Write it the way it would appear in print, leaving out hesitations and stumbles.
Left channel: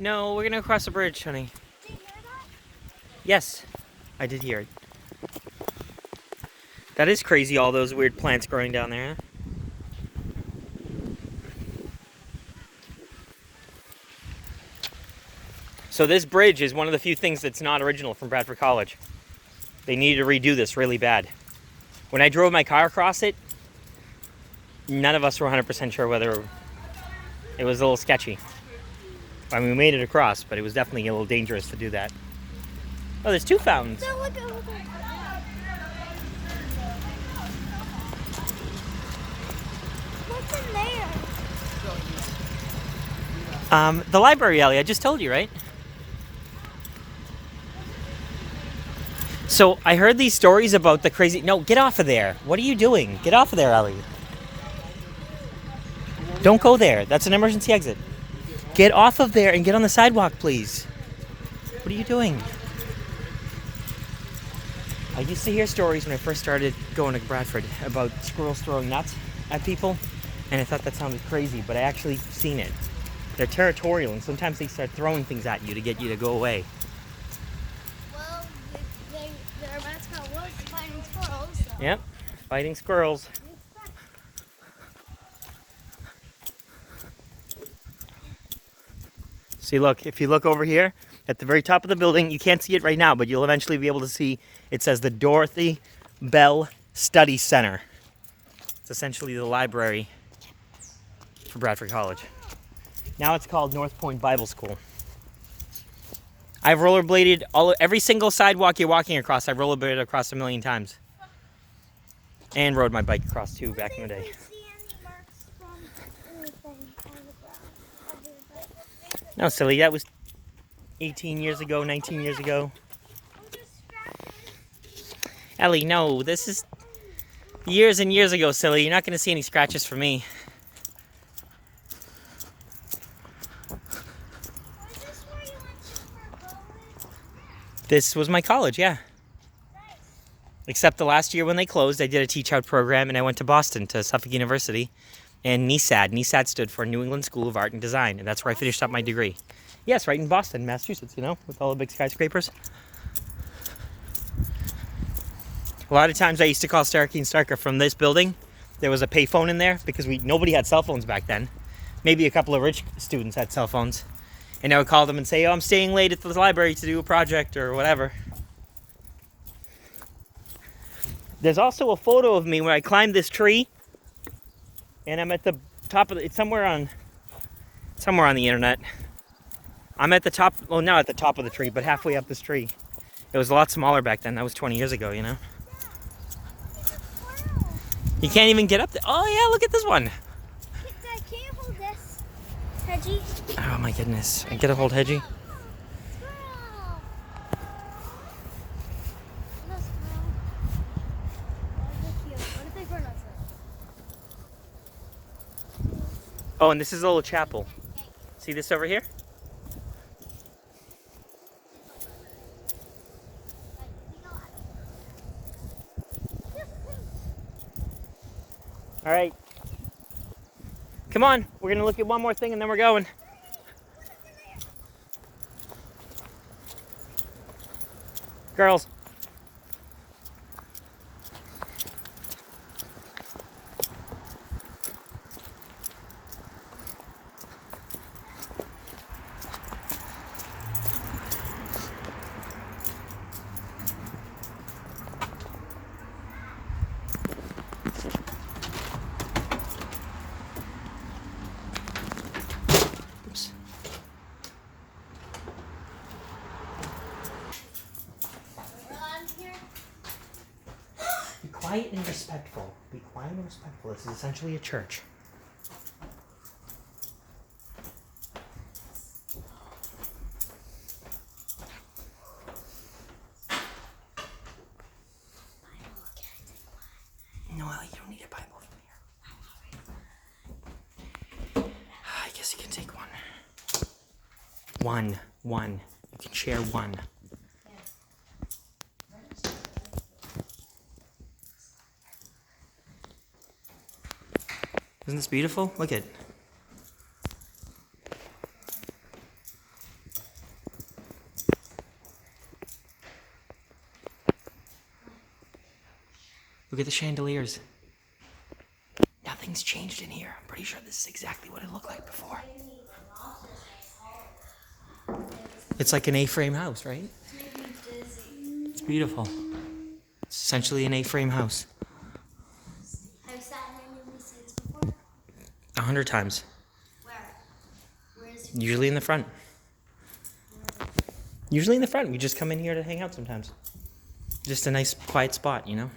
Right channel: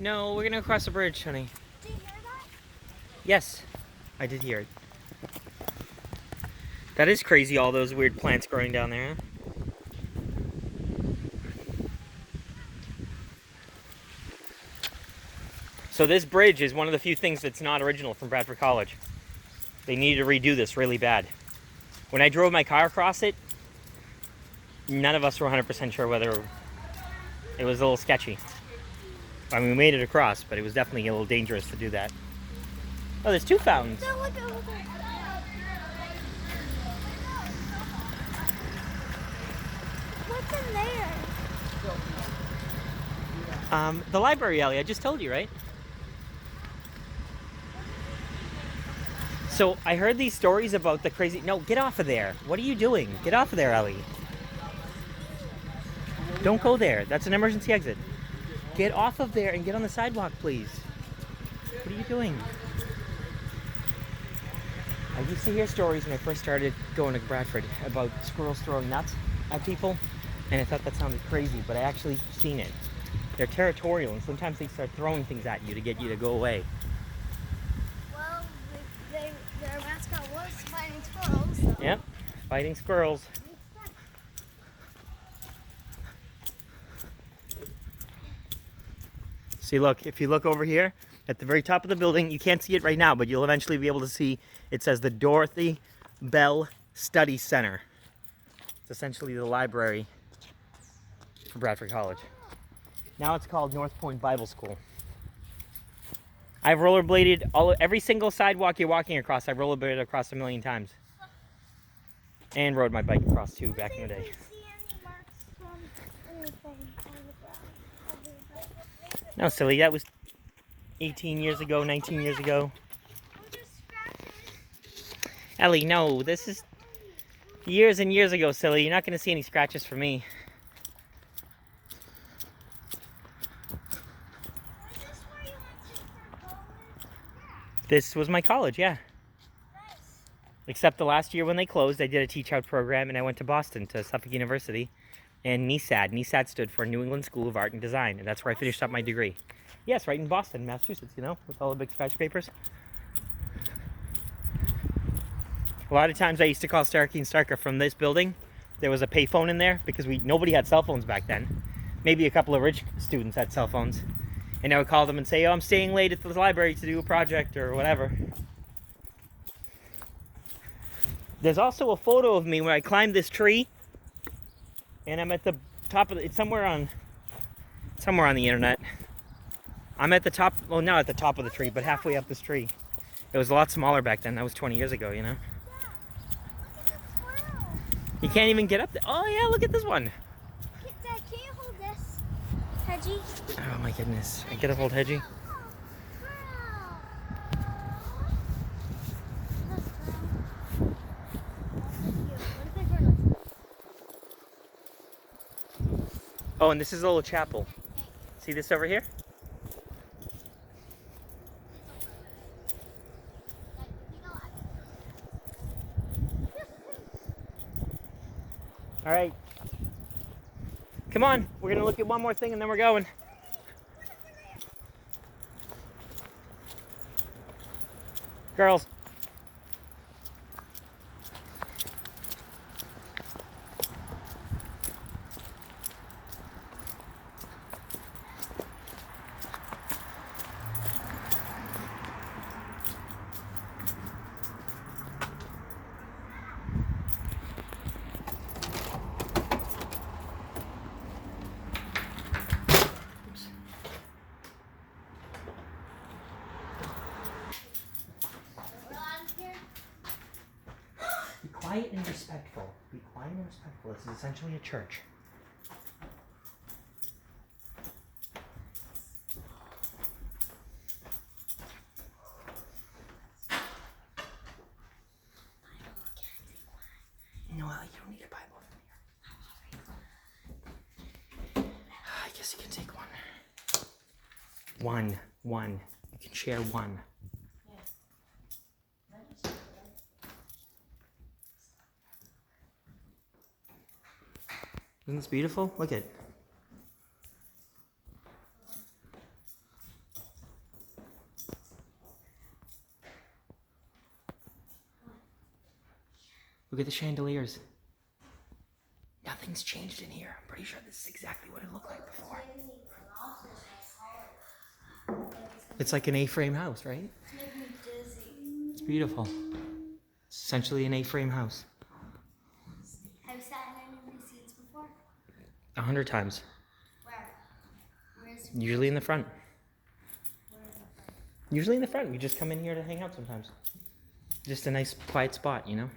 No, we're gonna cross the bridge, honey. Did you hear that? Yes, I did hear it. That is crazy, all those weird plants growing down there, huh? So this bridge is one of the few things that's not original from Bradford College. They needed to redo this really bad. When I drove my car across it, none of us were 100% sure whether it was a little sketchy. I mean, we made it across, but it was definitely a little dangerous to do that. Oh, there's two fountains. No, look. What's in there? The library, Ellie, I just told you, right? So I heard these stories about the crazy... No, get off of there. What are you doing? Get off of there, Ellie. Don't go there. That's an emergency exit. Get off of there and get on the sidewalk, please. What are you doing? I used to hear stories when I first started going to Bradford about squirrels throwing nuts at people, and I thought that sounded crazy, but I actually seen it. They're territorial, and sometimes they start throwing things at you to get you to go away. Well, their mascot was fighting squirrels. Yep, fighting squirrels. See, look, if you look over here at the very top of the building, you can't see it right now, but you'll eventually be able to see it says the Dorothy Bell Study Center. It's essentially the library for Bradford College. Now it's called Northpoint Bible School. I've rollerbladed every single sidewalk you're walking across. I've rollerbladed across a million times. And rode my bike across too back in the day. No, silly, that was 18 years ago, 19 years ago. Ellie, no, this is years and years ago, silly. You're not going to see any scratches from me. This was my college, yeah. Except the last year when they closed, I did a teach-out program, and I went to Boston, to Suffolk University, and NESAD. NESAD stood for New England School of Art and Design, and that's where I finished up my degree. Yes, right in Boston, Massachusetts, you know, with all the big skyscrapers. A lot of times I used to call Starkey and Starker from this building. There was a payphone in there because nobody had cell phones back then. Maybe a couple of rich students had cell phones. And I would call them and say, oh, I'm staying late at the library to do a project or whatever. There's also a photo of me where I climbed this tree. And I'm at the top of it's somewhere on the internet. I'm at the top, well, not at the top of the tree, but halfway up this tree. It was a lot smaller back then. That was 20 years ago, you know? You can't even get up there. Oh, yeah, look at this one. Dad, can you hold this, Hedgie? Oh, my goodness. I get a hold, Hedgie. Oh, and this is a little chapel. See this over here? All right. Come on. We're going to look at one more thing and then we're going. Girls. Be quiet and respectful. Be quiet and respectful. This is essentially a church. No, Ellie, you don't need a Bible from here. I guess you can take one. One. You can share one. Isn't this beautiful? Look at it. Look at the chandeliers. Nothing's changed in here. I'm pretty sure this is exactly what it looked like before. It's like an A-frame house, right? It's beautiful. It's essentially an A-frame house. Have you sat here and you've seen this before? 100 times. Where? Where is it? Usually in the front. Usually in the front. We just come in here to hang out sometimes. Just a nice quiet spot, you know?